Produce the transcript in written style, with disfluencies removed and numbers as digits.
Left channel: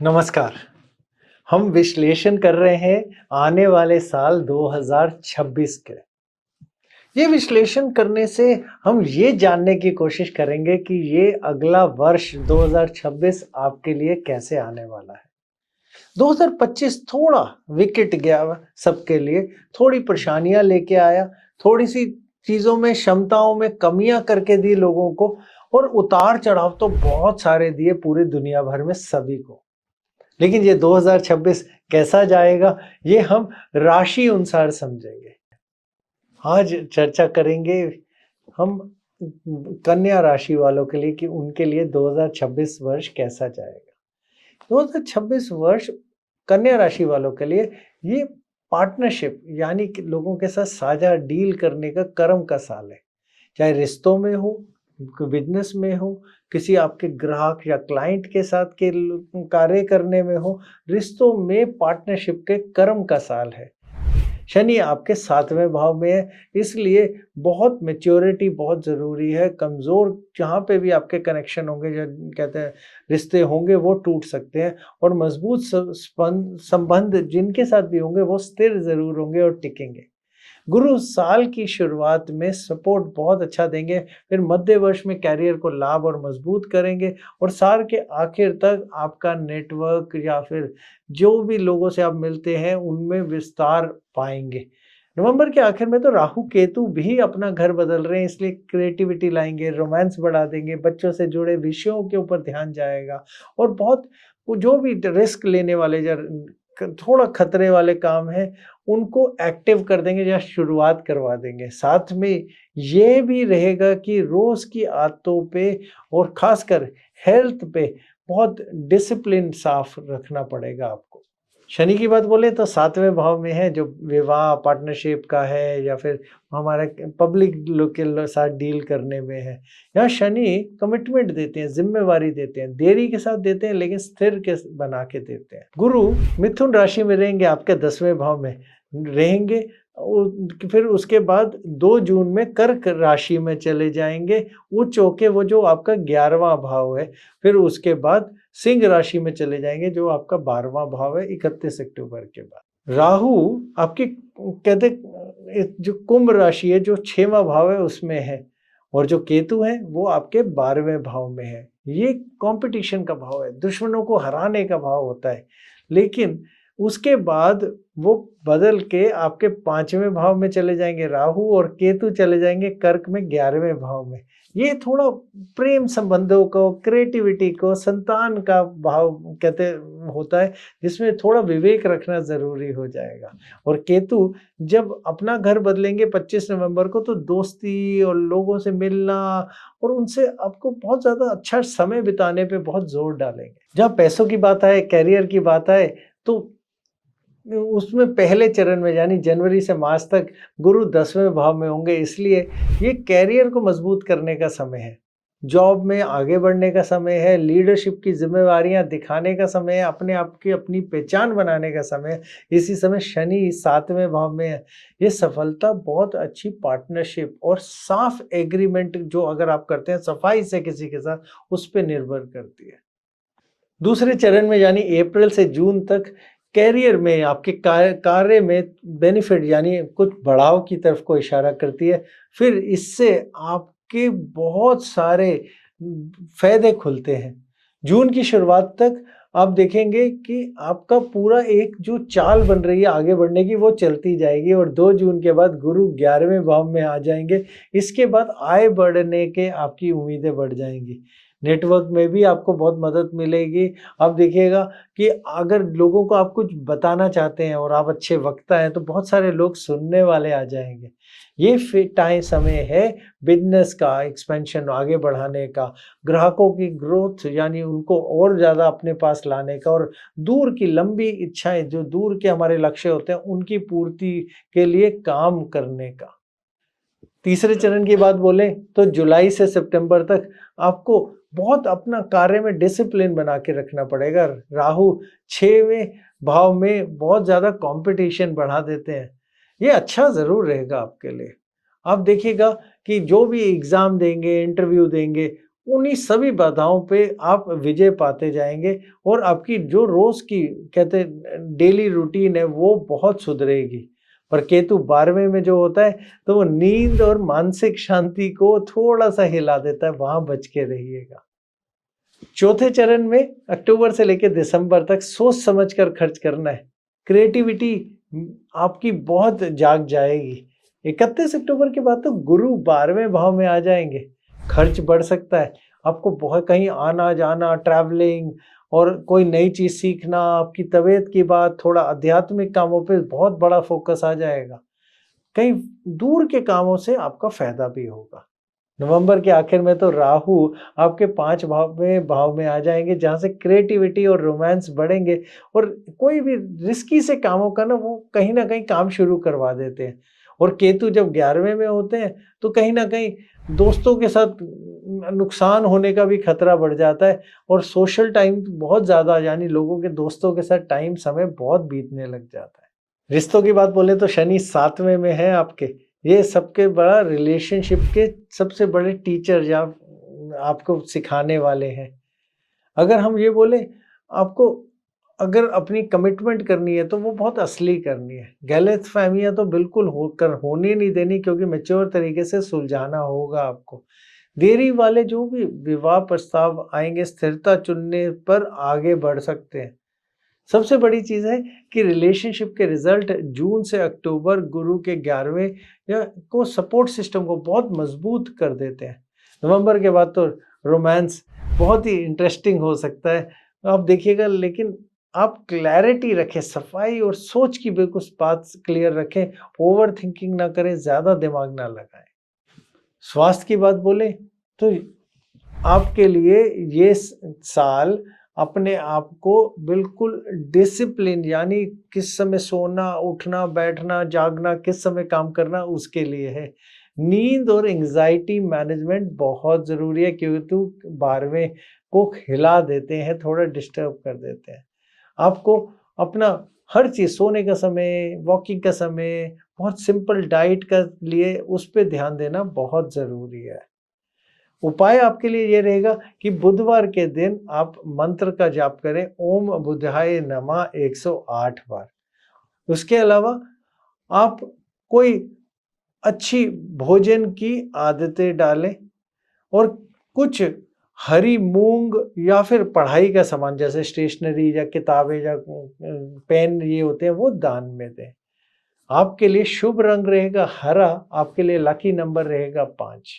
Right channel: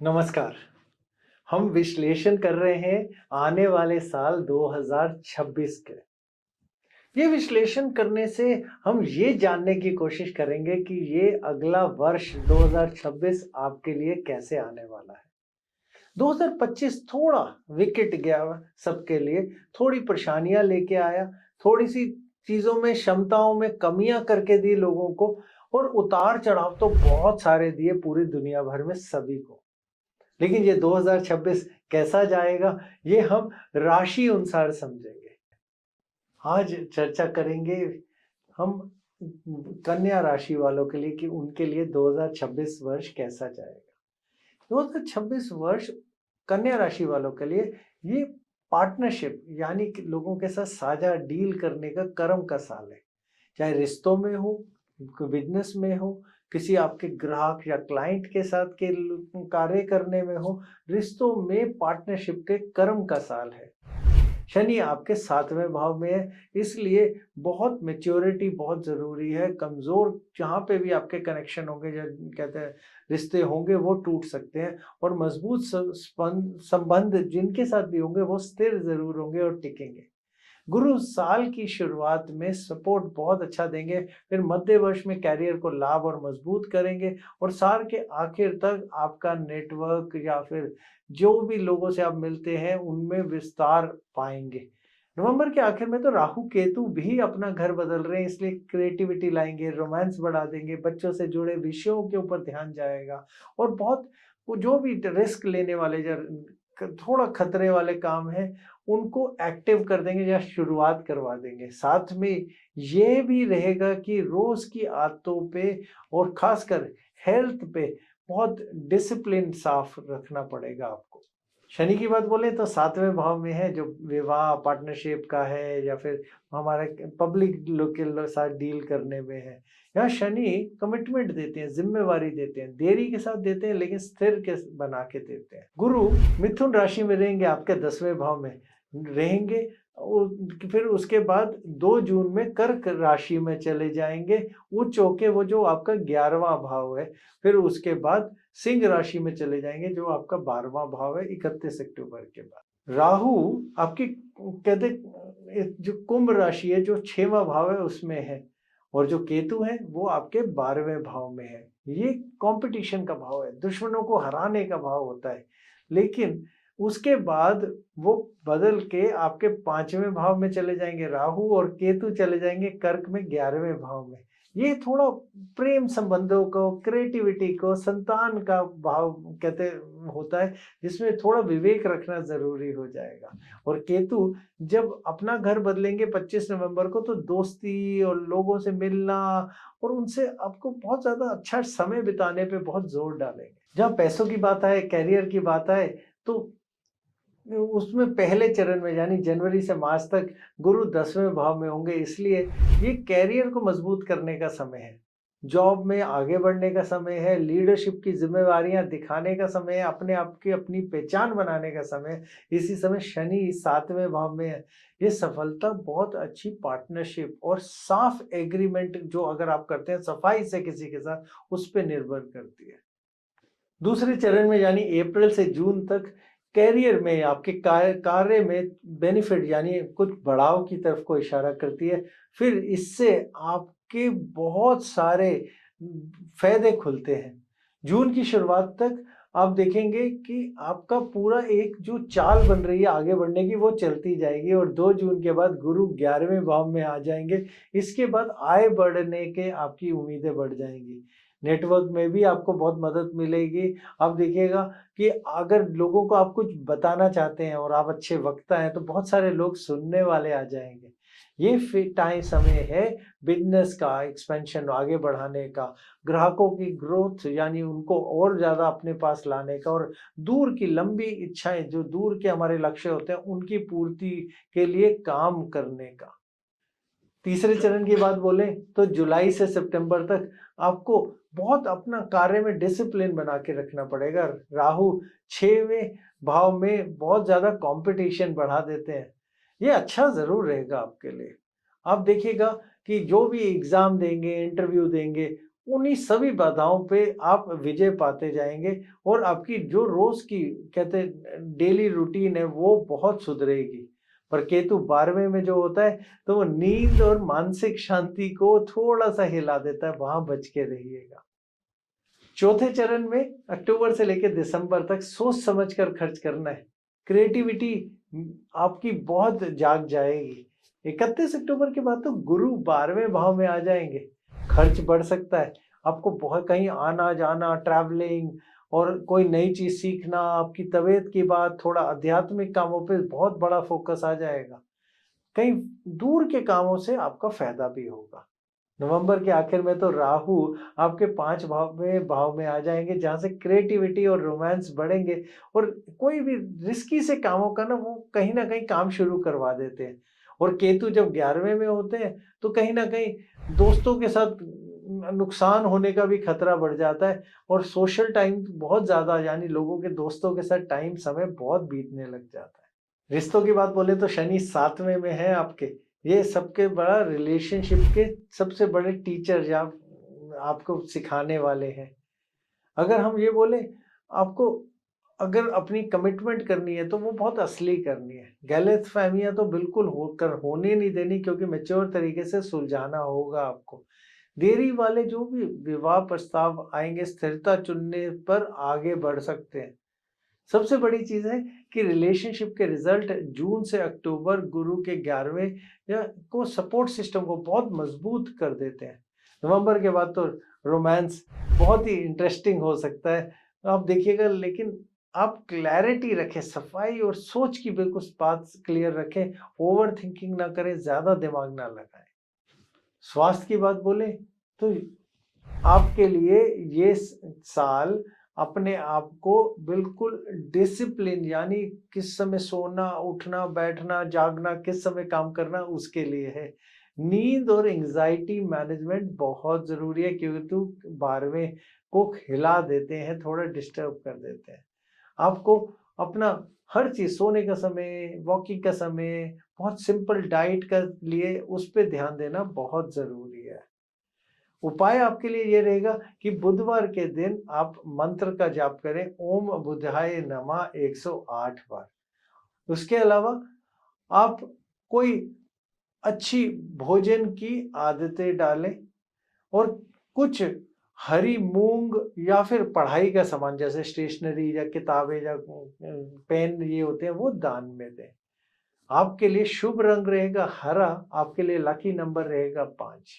नमस्कार। हम विश्लेषण कर रहे हैं आने वाले साल 2026 के। ये विश्लेषण करने से हम ये जानने की कोशिश करेंगे कि ये अगला वर्ष 2026 आपके लिए कैसे आने वाला है। 2025 थोड़ा विकेट गया सबके लिए, थोड़ी परेशानियां लेके आया, थोड़ी सी चीजों में क्षमताओं में कमियां करके दी लोगों को, और उतार चढ़ाव तो बहुत सारे दिए पूरी दुनिया भर में सभी को। लेकिन ये 2026 कैसा जाएगा, ये हम राशि अनुसार समझेंगे। आज चर्चा करेंगे हम कन्या राशि वालों के लिए कि उनके लिए 2026 वर्ष कैसा जाएगा। 2026 वर्ष कन्या राशि वालों के लिए ये पार्टनरशिप यानी कि लोगों के साथ साझा डील करने का कर्म का साल है। चाहे रिश्तों में हो, बिजनेस में हो, किसी आपके ग्राहक या क्लाइंट के साथ के कार्य करने में हो, रिश्तों में पार्टनरशिप के कर्म का साल है। शनि आपके 7वें भाव में है, इसलिए बहुत मैच्योरिटी बहुत ज़रूरी है। कमज़ोर जहाँ पे भी आपके कनेक्शन होंगे, जो कहते हैं रिश्ते होंगे, वो टूट सकते हैं, और मजबूत संबंध जिनके साथ भी होंगे वो स्थिर ज़रूर होंगे और टिकेंगे। गुरु साल की शुरुआत में सपोर्ट बहुत अच्छा देंगे, फिर मध्य वर्ष में कैरियर को लाभ और मजबूत करेंगे, और साल के आखिर तक आपका नेटवर्क या फिर जो भी लोगों से आप मिलते हैं उनमें विस्तार पाएंगे। नवंबर के आखिर में तो राहु केतु भी अपना घर बदल रहे हैं, इसलिए क्रिएटिविटी लाएंगे, रोमांस बढ़ा देंगे, बच्चों से जुड़े विषयों के ऊपर ध्यान जाएगा, और बहुत वो जो भी रिस्क लेने वाले या थोड़ा खतरे वाले काम हैं उनको एक्टिव कर देंगे या शुरुआत करवा देंगे। साथ में ये भी रहेगा कि रोज की आदतों पे और खासकर हेल्थ पे बहुत डिसिप्लिन साफ रखना पड़ेगा आपको। शनि की बात बोले तो 7वें भाव में है, जो विवाह पार्टनरशिप का है या फिर हमारे पब्लिक लोग के साथ डील करने में है। यहाँ शनि कमिटमेंट देते हैं, जिम्मेवारी देते हैं, देरी के साथ देते हैं लेकिन स्थिर के बना के देते हैं। गुरु मिथुन राशि में रहेंगे, आपके 10वें भाव में रहेंगे, फिर उसके बाद 2 जून में कर्क राशि में चले जाएंगे, उच्च होके वो जो आपका 11वां भाव है। फिर उसके बाद सिंह राशि में चले जाएंगे, जो आपका 12वां भाव है 31 अक्टूबर के बाद। राहु आपकी कहते जो कुंभ राशि है, जो 6वां भाव है उसमें है, और जो केतु है वो आपके 12वें भाव में है। ये कंपटीशन का भाव है, दुश्मनों को हराने का भाव होता है। लेकिन उसके बाद वो बदल के आपके 5वें भाव में चले जाएंगे राहु, और केतु चले जाएंगे कर्क में 11वें भाव में। ये थोड़ा प्रेम संबंधों को, क्रिएटिविटी को, संतान का भाव कहते होता है, जिसमें थोड़ा विवेक रखना ज़रूरी हो जाएगा। और केतु जब अपना घर बदलेंगे 25 नवंबर को, तो दोस्ती और लोगों से मिलना और उनसे आपको बहुत ज़्यादा अच्छा समय बिताने पे बहुत ज़ोर डालेंगे। जहाँ पैसों की बात आए, करियर की बात आए, तो उसमें पहले चरण में यानी जनवरी से मार्च तक गुरु 10वें भाव में होंगे, इसलिए ये करियर को मजबूत करने का समय है। जॉब में आगे बढ़ने का समय है, लीडरशिप की ज़िम्मेवारियाँ दिखाने का समय है, अपने आप की अपनी पहचान बनाने का समय है। इसी समय शनि 7वें भाव में है। ये सफलता बहुत अच्छी पार्टनरशिप और साफ एग्रीमेंट जो अगर आप करते हैं सफाई से किसी के साथ, उस पे निर्भर करती है। दूसरे चरण में यानी अप्रैल से जून तक करियर में आपके कार्य में बेनिफिट यानी कुछ बढ़ाव की तरफ को इशारा करती है। फिर इससे आपके बहुत सारे फायदे खुलते हैं। जून की शुरुआत तक आप देखेंगे कि आपका पूरा एक जो चाल बन रही है आगे बढ़ने की, वो चलती जाएगी, और 2 जून के बाद गुरु 11वें भाव में आ जाएंगे। इसके बाद आय बढ़ने के आपकी उम्मीदें बढ़ जाएंगी। नेटवर्क में भी आपको बहुत मदद मिलेगी। आप देखिएगा कि अगर लोगों को आप कुछ बताना चाहते हैं और आप अच्छे वक्ता हैं, तो बहुत सारे लोग सुनने वाले आ जाएँगे। ये समय है बिज़नेस का एक्सपेंशन आगे बढ़ाने का, ग्राहकों की ग्रोथ यानी उनको और ज़्यादा अपने पास लाने का, और दूर की लंबी इच्छाएँ जो दूर के हमारे लक्ष्य होते हैं, उनकी पूर्ति के लिए काम करने का। तीसरे चरण की बात बोलें तो जुलाई से सितंबर तक आपको बहुत अपना कार्य में डिसिप्लिन बना के रखना पड़ेगा। राहु 6वें भाव में बहुत ज़्यादा कंपटीशन बढ़ा देते हैं। ये अच्छा ज़रूर रहेगा आपके लिए। आप देखिएगा कि जो भी एग्ज़ाम देंगे, इंटरव्यू देंगे, उन्हीं सभी बाधाओं पे आप विजय पाते जाएँगे और आपकी जो रोज़ की कहते हैं डेली रूटीन है वो बहुत सुधरेगी। पर केतु 12वें में जो होता है तो वो नींद और मानसिक शांति को थोड़ा-सा हिला देता है, वहाँ बच के रहिएगा। चौथे चरण में अक्टूबर से लेकर दिसंबर तक सोच समझ कर खर्च करना है। क्रिएटिविटी आपकी बहुत जाग जाएगी। 31 अक्टूबर के बाद तो गुरु 12वें भाव में आ जाएँगे। खर्च बढ़ सकता है। आपको बहुत कहीं आना-जाना, ट्रैवलिंग और कोई नई चीज़ सीखना, आपकी तबीयत की बात, थोड़ा आध्यात्मिक कामों पे बहुत बड़ा फ़ोकस आ जाएगा। कहीं दूर के कामों से आपका फ़ायदा भी होगा। नवंबर के आखिर में तो राहु आपके 5 भाव में आ जाएँगे, जहाँ से क्रिएटिविटी और रोमांस बढ़ेंगे और कोई भी रिस्की से कामों का ना वो कहीं न कहीं काम शुरू करवा देते हैं। और केतु जब 11वें में होते हैं, तो कहीं न कहीं दोस्तों के साथ नुकसान होने का भी खतरा बढ़ जाता है और सोशल टाइम बहुत ज़्यादा यानी लोगों के दोस्तों के साथ टाइम समय बहुत बीतने लग जाता है। रिश्तों की बात बोले तो शनि 7वें में है आपके। ये सबके बड़ा रिलेशनशिप के सबसे बड़े टीचर या आपको सिखाने वाले हैं। अगर हम ये बोले आपको अगर अपनी कमिटमेंट करनी है तो वो बहुत असली करनी है। गलतफ़हमियाँ तो बिल्कुल होने नहीं देनी क्योंकि मैच्योर तरीके से सुलझाना होगा आपको। देरी वाले जो भी विवाह प्रस्ताव आएँगे स्थिरता चुनने पर आगे बढ़ सकते हैं। सबसे बड़ी चीज़ है कि रिलेशनशिप के रिज़ल्ट जून से अक्टूबर गुरु के 11वें या को सपोर्ट सिस्टम को बहुत मज़बूत कर देते हैं। नवंबर के बाद तो रोमांस बहुत ही इंटरेस्टिंग हो सकता है। आप देखिएगा लेकिन आप क्लैरिटी रखें, सफाई और सोच की बिल्कुल बात क्लियर रखें, ओवरथिंकिंग ना करें, ज़्यादा दिमाग ना लगाएँ। स्वास्थ्य की बात बोले तो आपके लिए ये साल अपने आप को बिल्कुल डिसिप्लिन यानी किस समय सोना, उठना, बैठना, जागना, किस समय काम करना उसके लिए है। नींद और एंग्ज़ायटी मैनेजमेंट बहुत ज़रूरी है क्योंकि 12वें को हिला देते हैं, थोड़ा डिस्टर्ब कर देते हैं। आपको अपना हर चीज़ सोने का समय, वॉकिंग का समय, बहुत सिंपल डाइट का लिए उस पे ध्यान देना बहुत ज़रूरी है। उपाय आपके लिए ये रहेगा कि बुधवार के दिन आप मंत्र का जाप करें ओम बुधाय नमः 108 बार। उसके अलावा आप कोई अच्छी भोजन की आदतें डालें और कुछ हरी मूँग या फिर पढ़ाई का सामान जैसे स्टेशनरी या किताबें या पेन ये होते हैं वो दान में दें। आपके लिए शुभ रंग रहेगा हरा, आपके लिए लकी नंबर रहेगा 5।